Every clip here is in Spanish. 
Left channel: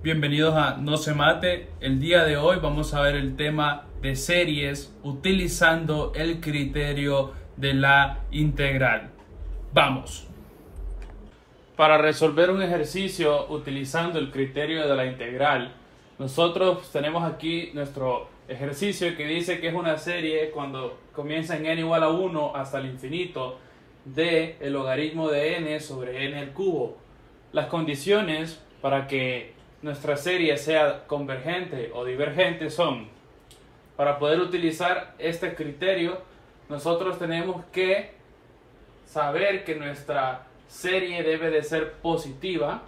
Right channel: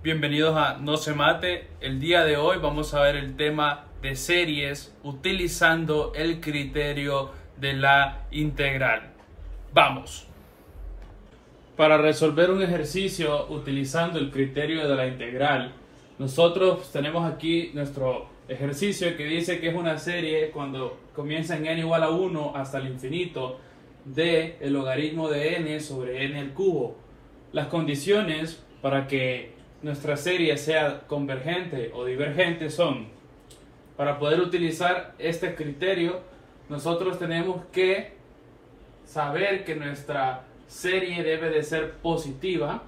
Bienvenidos a No se mate. El día de hoy vamos a ver el tema de series utilizando el criterio de la integral. ¡Vamos! Para resolver un ejercicio utilizando el criterio de la integral, nosotros tenemos aquí nuestro ejercicio que dice que es una serie cuando comienza en n igual a 1 hasta el infinito de el logaritmo de n sobre n al cubo. Las condiciones para que nuestra serie sea convergente o divergente son: para poder utilizar este criterio, nosotros tenemos que saber que nuestra serie debe de ser positiva,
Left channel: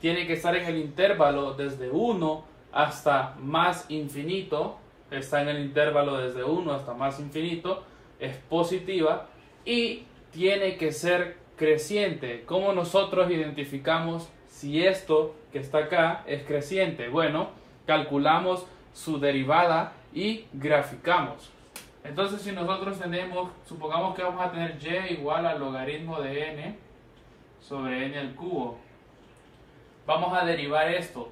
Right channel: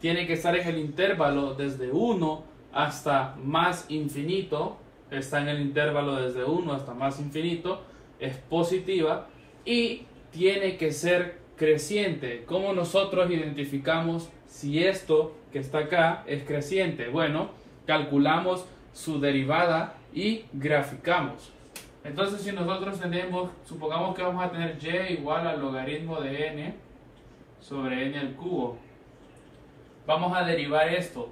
tiene que estar en el intervalo desde 1 hasta más infinito, está en el intervalo desde 1 hasta más infinito, es positiva y tiene que ser creciente. ¿Cómo nosotros identificamos si esto que está acá es creciente? Bueno, calculamos su derivada y graficamos. Entonces, si nosotros tenemos, supongamos que vamos a tener y igual al logaritmo de n sobre n al cubo. Vamos a derivar esto.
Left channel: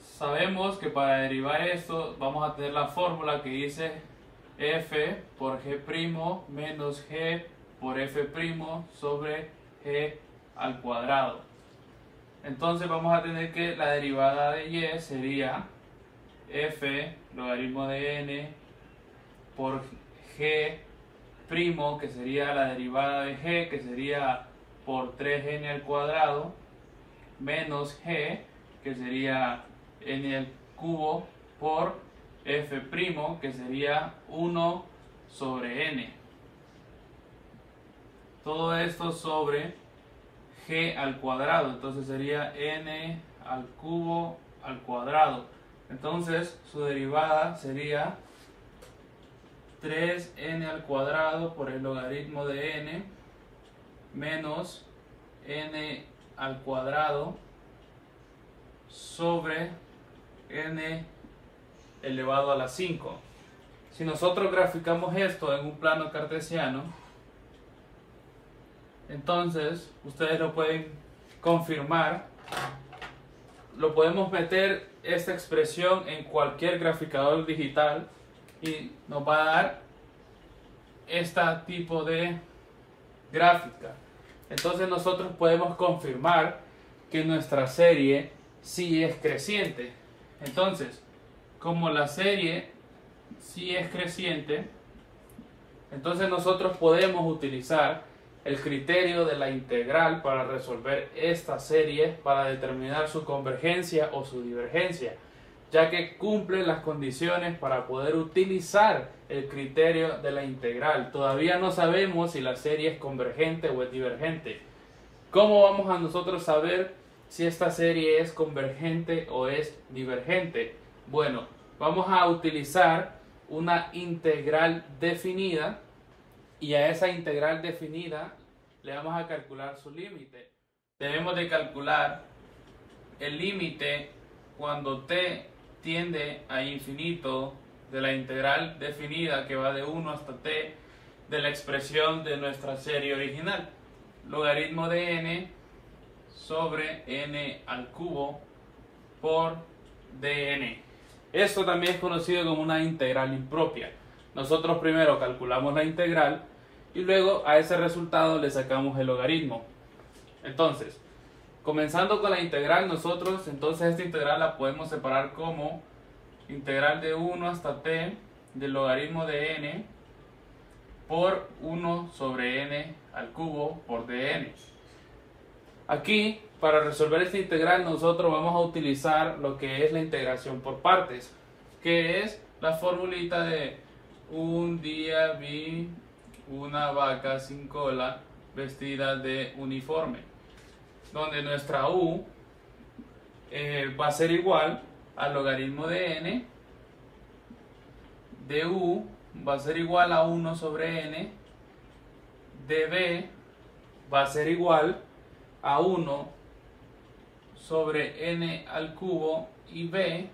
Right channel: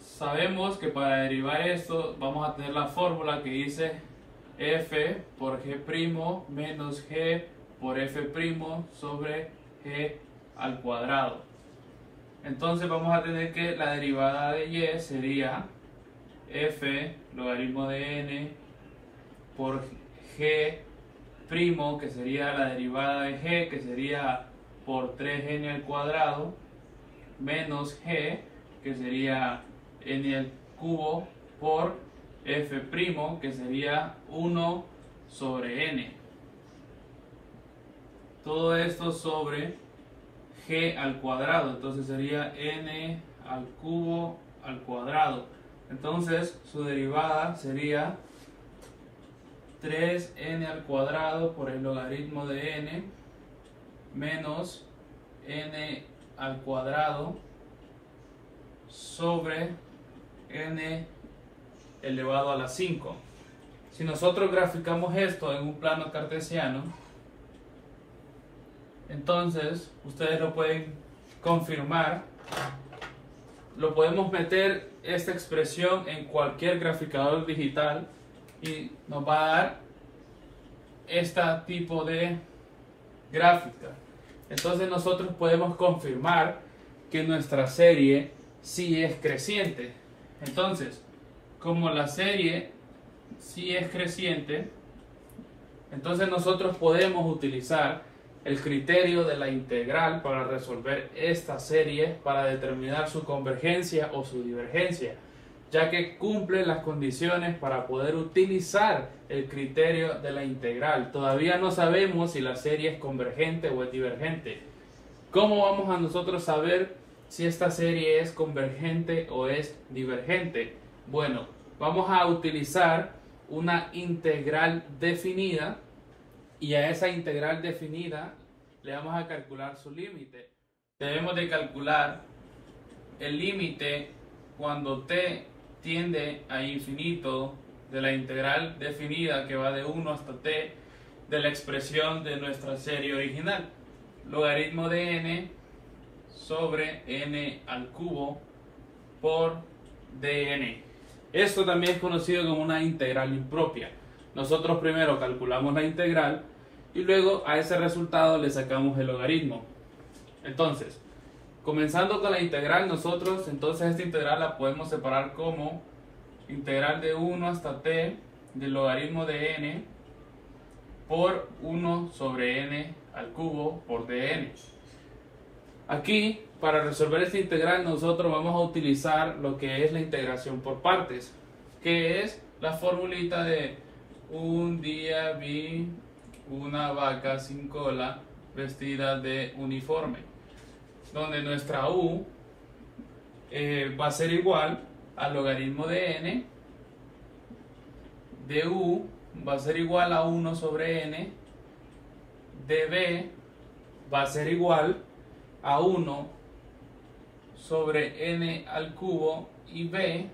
Sabemos que para derivar esto vamos a tener la fórmula que dice f por g' menos g por f' sobre g al cuadrado. Entonces vamos a tener que la derivada de y sería f logaritmo de n por g', que sería la derivada de g, que sería por 3n al cuadrado, menos g, que sería n al cubo, por f', que sería 1 sobre n. Todo esto sobre g al cuadrado, entonces sería n al cubo al cuadrado. Entonces su derivada sería 3n al cuadrado por el logaritmo de n menos n al cuadrado sobre n elevado a la 5. Si nosotros graficamos esto en un plano cartesiano, entonces ustedes lo pueden confirmar. Lo podemos meter esta expresión en cualquier graficador digital y nos va a dar este tipo de gráfica. Entonces nosotros podemos confirmar que nuestra serie sí es creciente. Entonces, como la serie sí es creciente, entonces nosotros podemos utilizar el criterio de la integral para resolver esta serie, para determinar su convergencia o su divergencia, ya que cumple las condiciones para poder utilizar el criterio de la integral. Todavía no sabemos si la serie es convergente o es divergente. ¿Cómo vamos a nosotros saber si esta serie es convergente o es divergente? Bueno, vamos a utilizar una integral definida y a esa integral definida le vamos a calcular su límite. Debemos de calcular el límite cuando t tiende a infinito de la integral definida que va de 1 hasta t de la expresión de nuestra serie original. Logaritmo de n sobre n al cubo por dn. Esto también es conocido como una integral impropia. Nosotros primero calculamos la integral y luego a ese resultado le sacamos el logaritmo. Entonces, comenzando con la integral, nosotros entonces esta integral la podemos separar como integral de 1 hasta t del logaritmo de n por 1 sobre n al cubo por dn. Aquí, para resolver esta integral, nosotros vamos a utilizar lo que es la integración por partes, que es la formulita de un día vi una vaca sin cola vestida de uniforme, donde nuestra u va a ser igual al logaritmo de n, de u va a ser igual a 1 sobre n, de b va a ser igual a 1 sobre n al cubo y b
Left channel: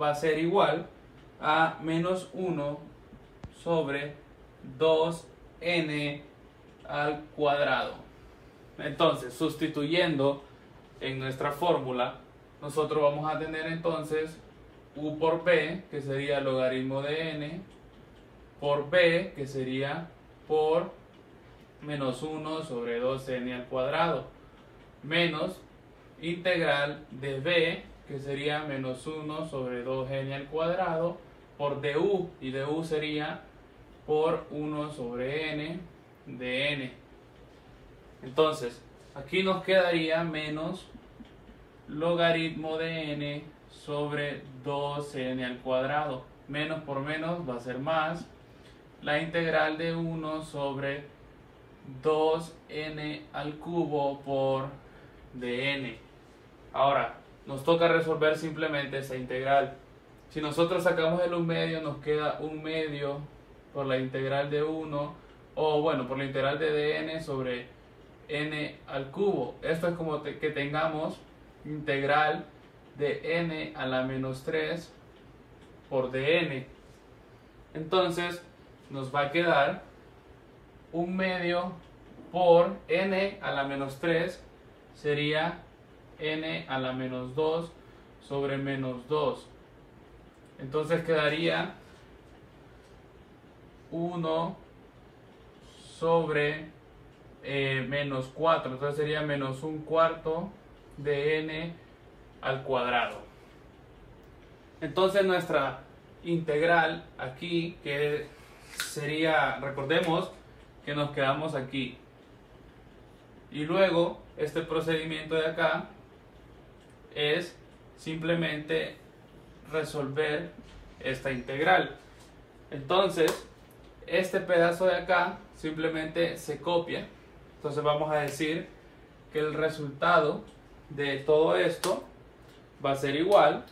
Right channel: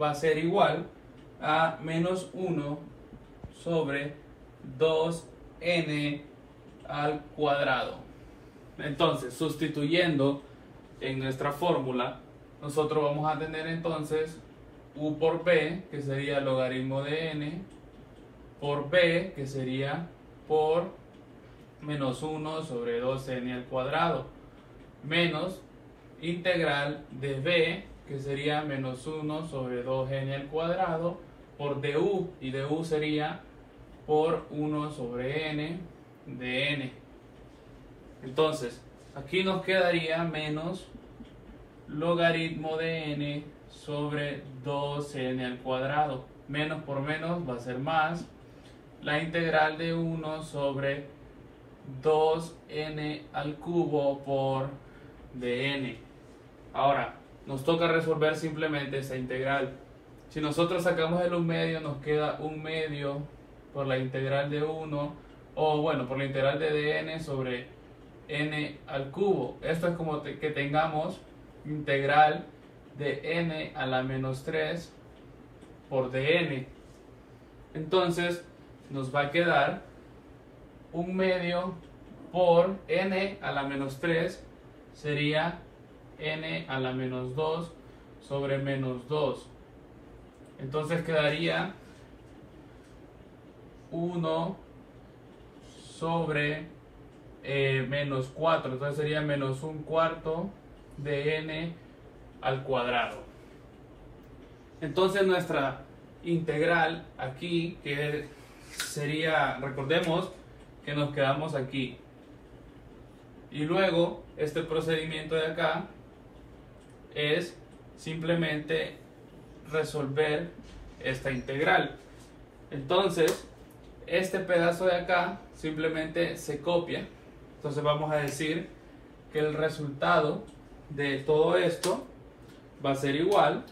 va a ser igual a menos 1 sobre 2n al cuadrado. Entonces, sustituyendo en nuestra fórmula, nosotros vamos a tener entonces u por b, que sería logaritmo de n, por b, que sería por menos 1 sobre 2n al cuadrado, menos integral de b, que sería menos 1 sobre 2n al cuadrado, por du, y du sería por 1 sobre n de n. Entonces, aquí nos quedaría menos logaritmo de n sobre 2n al cuadrado. Menos por menos va a ser más. La integral de 1 sobre 2n al cubo por dn. Ahora, nos toca resolver simplemente esta integral. Si nosotros sacamos el 1 medio, nos queda 1 medio por la integral de 1, o bueno, por la integral de dn sobre n al cubo. Esto es como que tengamos integral de n a la menos 3 por dn. Entonces nos va a quedar 1 medio por n a la menos 3 sería n a la menos 2 sobre menos 2. Entonces quedaría 1 sobre menos 4. Entonces sería menos 1/4 de n al cuadrado. Entonces nuestra integral aquí, que sería, recordemos que nos quedamos aquí, y luego este procedimiento de acá es simplemente resolver esta integral. Entonces este pedazo de acá simplemente se copia. Entonces vamos a decir que el resultado de todo esto va a ser igual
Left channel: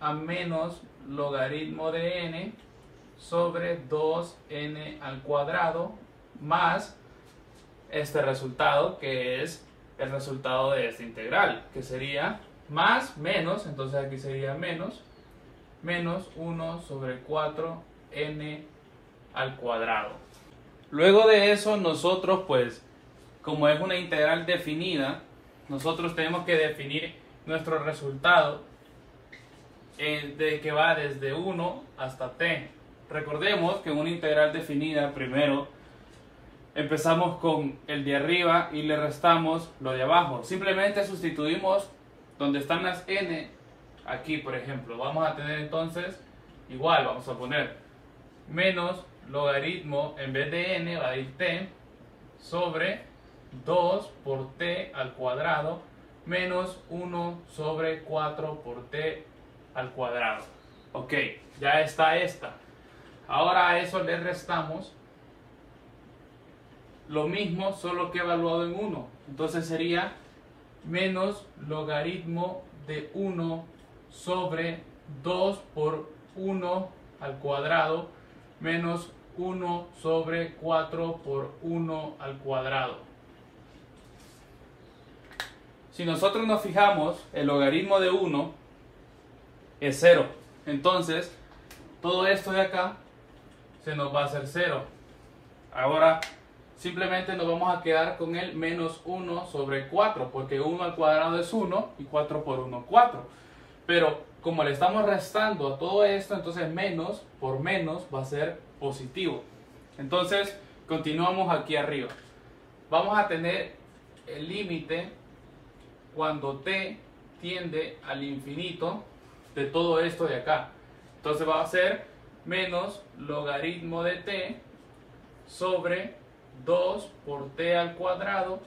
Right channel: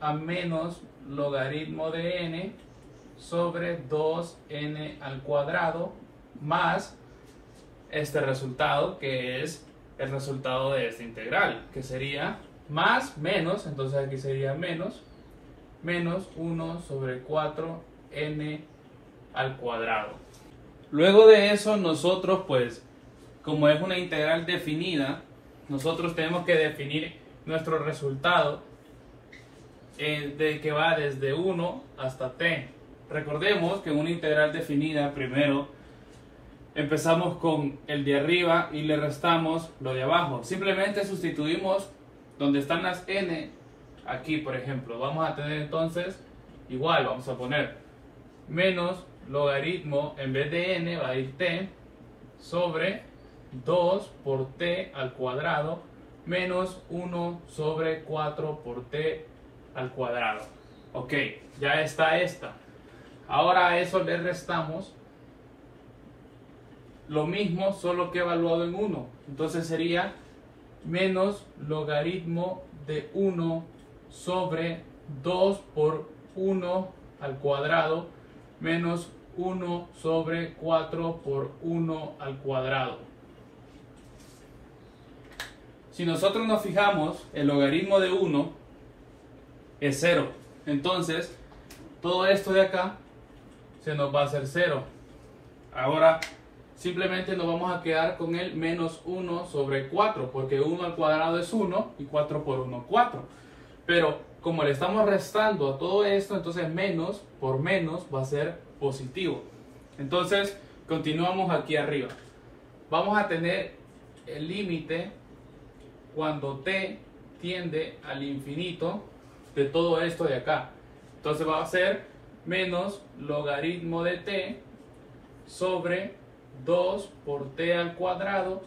a menos logaritmo de n sobre 2n al cuadrado más este resultado, que es el resultado de esta integral, que sería más menos, entonces aquí sería menos 1 sobre 4n al cuadrado. Luego de eso nosotros, pues, como es una integral definida, nosotros tenemos que definir nuestro resultado de que va desde 1 hasta t. Recordemos que en una integral definida, primero empezamos con el de arriba y le restamos lo de abajo. Simplemente sustituimos donde están las n, aquí por ejemplo. Vamos a tener entonces, igual vamos a poner menos logaritmo, en vez de n va a ir t, sobre 2 por t al cuadrado, menos 1 sobre 4 por t al cuadrado. Ok, ya está esta. Ahora a eso le restamos lo mismo, solo que evaluado en 1. Entonces sería menos logaritmo de 1 sobre 2 por 1 al cuadrado, menos 1 sobre 4 por 1 al cuadrado. Si nosotros nos fijamos, el logaritmo de 1 es 0. Entonces, todo esto de acá se nos va a hacer 0. Ahora, simplemente nos vamos a quedar con el menos 1 sobre 4, porque 1 al cuadrado es 1 y 4 por 1, 4. Pero como le estamos restando a todo esto, entonces menos por menos va a ser positivo. Entonces, continuamos aquí arriba. Vamos a tener el límite cuando t tiende al infinito de todo esto de acá. Entonces va a ser menos logaritmo de t sobre 2 por t al cuadrado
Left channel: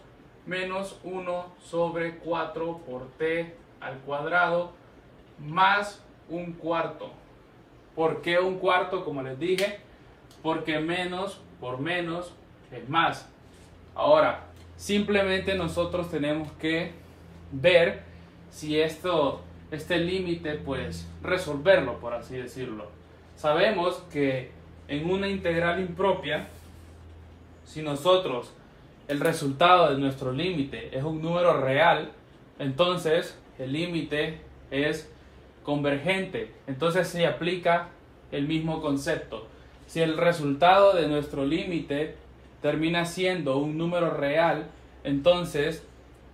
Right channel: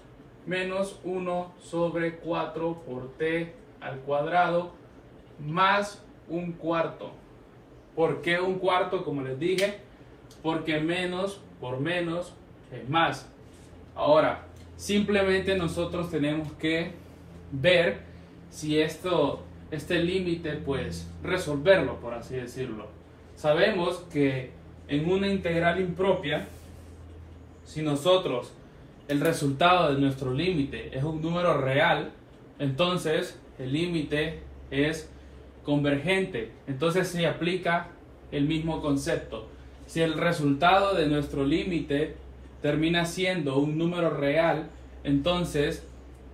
menos 1 sobre 4 por t al cuadrado más 1/4. ¿Por qué 1/4? Como les dije, porque menos por menos es más. Ahora, simplemente nosotros tenemos que ver si este límite, pues resolverlo, por así decirlo. Sabemos que en una integral impropia, si nosotros el resultado de nuestro límite es un número real, entonces el límite es convergente. Entonces se aplica el mismo concepto. Si el resultado de nuestro límite termina siendo un número real, entonces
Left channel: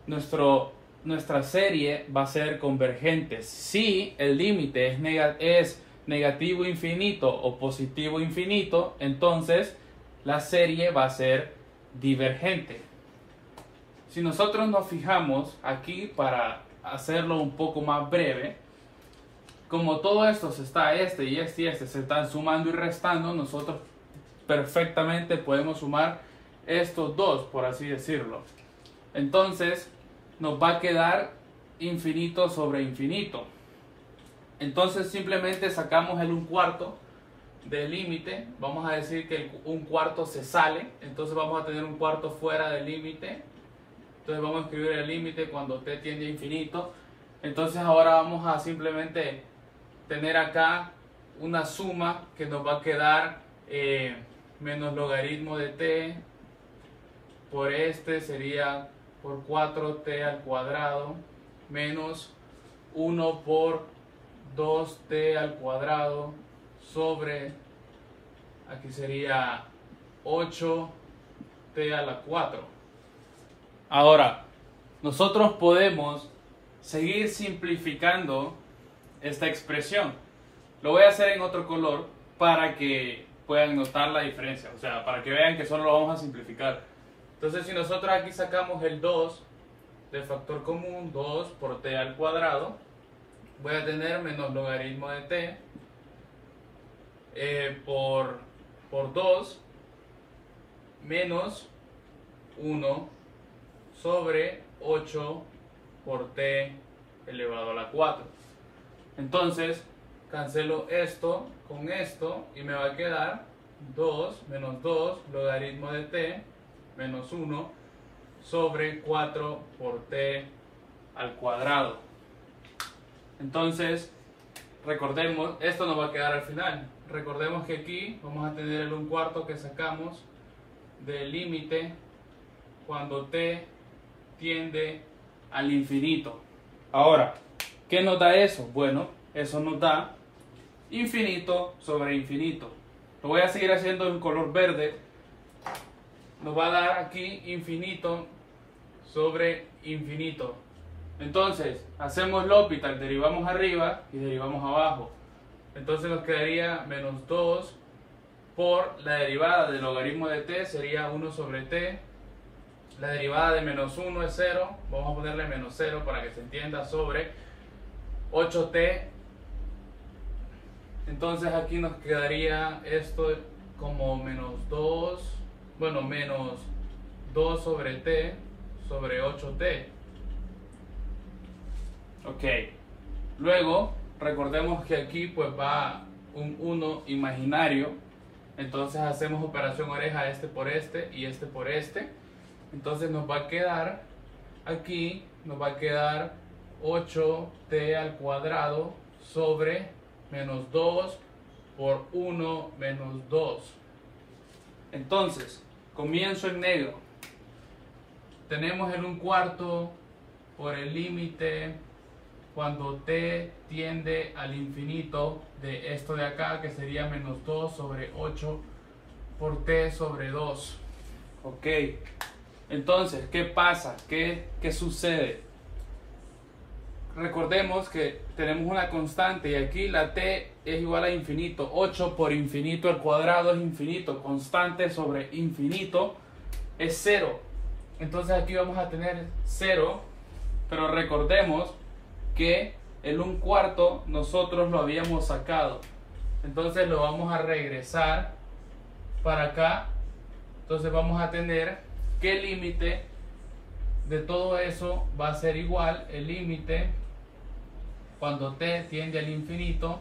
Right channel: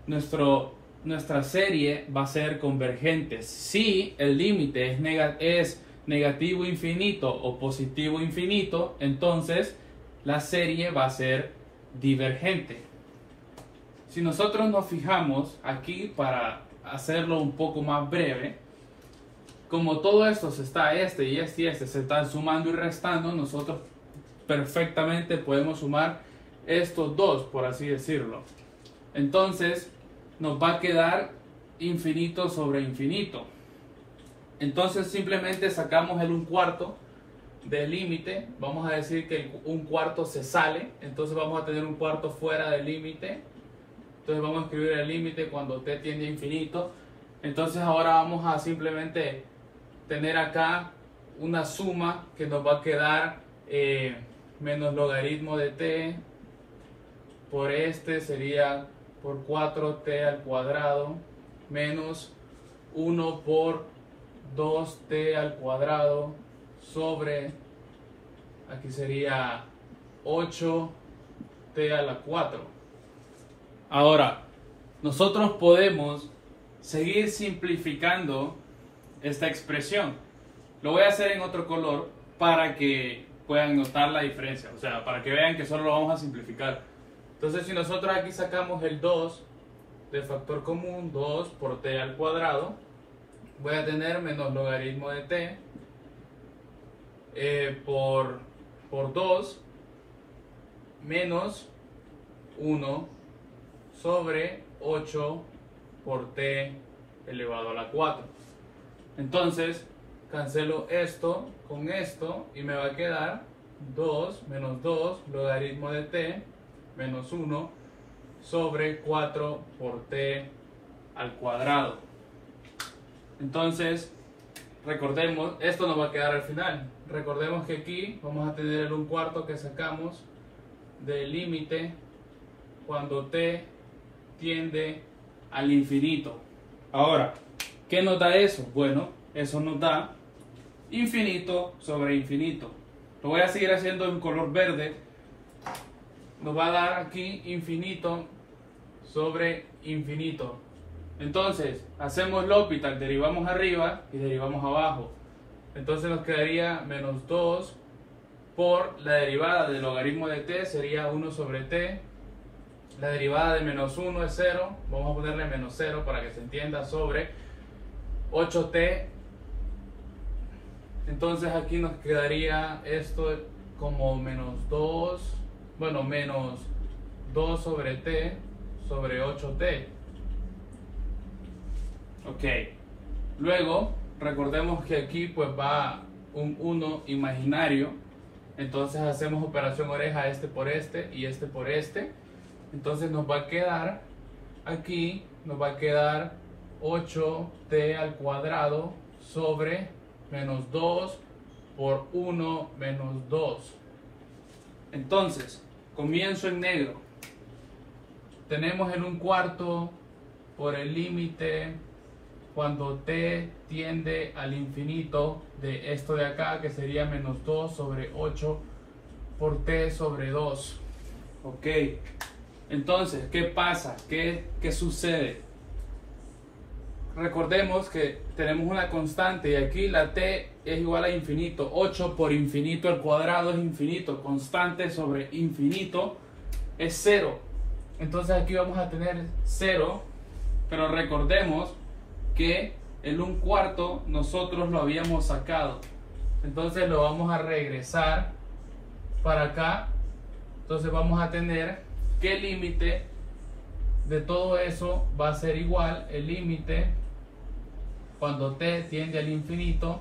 nuestro nuestra serie va a ser convergente. Si el límite es negativo infinito o positivo infinito, entonces la serie va a ser divergente. Si nosotros nos fijamos aquí, para hacerlo un poco más breve, como todo esto se está, este y este se están sumando y restando, nosotros perfectamente podemos sumar estos dos, por así decirlo. Entonces nos va a quedar infinito sobre infinito. Entonces simplemente sacamos el 1/4 del límite. Vamos a decir que el 1/4 se sale, entonces vamos a tener 1/4 fuera del límite. Entonces vamos a escribir el límite cuando t tiende a infinito. Entonces ahora vamos a simplemente tener acá una suma que nos va a quedar menos logaritmo de t por este sería por 4t al cuadrado menos 1 por 2t al cuadrado sobre, aquí sería 8t a la 4. Ahora, nosotros podemos seguir simplificando esta expresión. Lo voy a hacer en otro color para que puedan notar la diferencia, o sea, para que vean que solo lo vamos a simplificar. Entonces, si nosotros aquí sacamos el 2 del factor común, 2 por t al cuadrado, voy a tener menos logaritmo de t por 2 menos 1 sobre 8 por t elevado a la 4. Entonces cancelo esto con esto y me va a quedar 2 menos 2 logaritmo de t menos 1 sobre 4 por t al cuadrado. Entonces recordemos, esto nos va a quedar al final. Recordemos que aquí vamos a tener el 1/4 que sacamos del límite cuando t tiende al infinito. Ahora, ¿qué nos da eso? Bueno, eso nos da infinito sobre infinito. Lo voy a seguir haciendo en color verde. Nos va a dar aquí infinito sobre infinito. Entonces, hacemos L'Hopital, derivamos arriba y derivamos abajo. Entonces nos quedaría menos 2 por la derivada del logaritmo de t, sería 1 sobre t. La derivada de menos 1 es 0, vamos a ponerle menos 0 para que se entienda, sobre 8t. Entonces aquí nos quedaría esto como menos 2, bueno, menos 2 sobre t sobre 8t. Ok, luego recordemos que aquí pues va un 1 imaginario, entonces hacemos operación oreja, este por este y este por este. Entonces nos va a quedar aquí, nos va a quedar 8t al cuadrado sobre menos 2 por 1 menos 2. Entonces, comienzo en negro. Tenemos el 1/4 por el límite cuando t tiende al infinito de esto de acá, que sería menos 2 sobre 8 por t sobre 2. Ok, entonces, ¿qué pasa? ¿Qué sucede? Recordemos que tenemos una constante y aquí la t es igual a infinito. 8 por infinito al cuadrado es infinito. Constante sobre infinito es 0. Entonces aquí vamos a tener 0, pero recordemos que el 1/4 nosotros lo habíamos sacado. Entonces lo vamos a regresar para acá. Entonces vamos a tener que el límite de todo eso va a ser igual, el límite cuando t tiende al infinito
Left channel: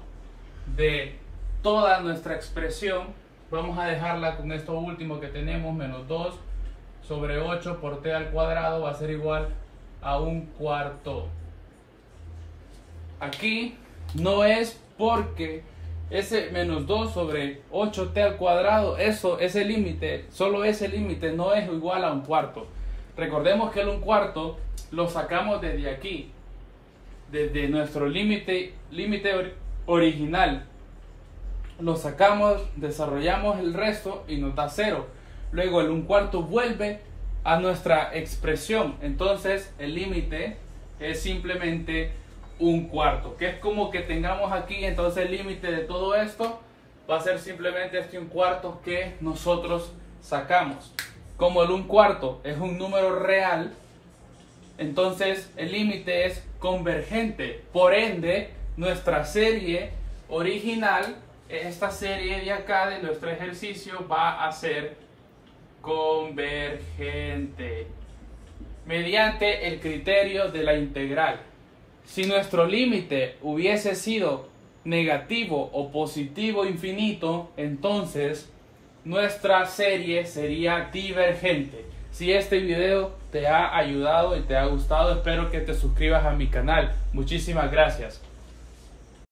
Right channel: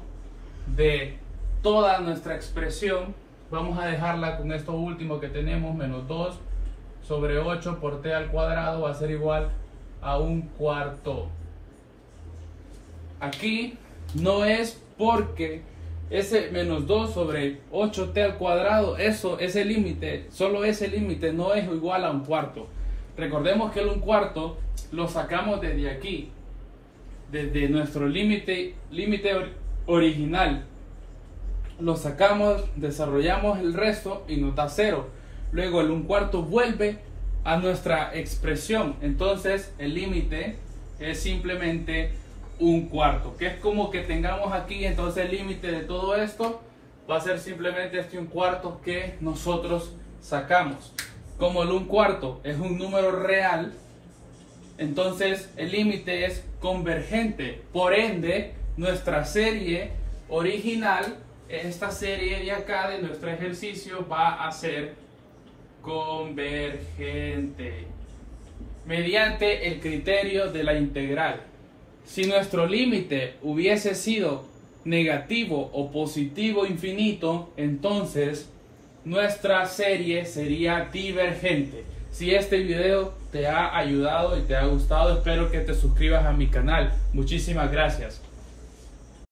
de toda nuestra expresión, vamos a dejarla con esto último que tenemos, menos 2 sobre 8 por t al cuadrado va a ser igual a 1/4. Aquí no es porque ese menos 2 sobre 8t al cuadrado, ese límite, solo ese límite no es igual a 1/4. Recordemos que el 1/4 lo sacamos desde aquí, desde nuestro límite original. Lo sacamos, desarrollamos el resto y nos da 0. Luego el 1/4 vuelve a nuestra expresión. Entonces el límite es simplemente un cuarto, que es como que tengamos aquí, entonces el límite de todo esto va a ser simplemente este un cuarto que nosotros sacamos. Como el un cuarto es un número real, entonces el límite es convergente. Por ende, nuestra serie original, esta serie de acá de nuestro ejercicio, va a ser convergente mediante el criterio de la integral. Si nuestro límite hubiese sido negativo o positivo infinito, entonces nuestra serie sería divergente. Si este video te ha ayudado y te ha gustado, espero que te suscribas a mi canal. Muchísimas gracias.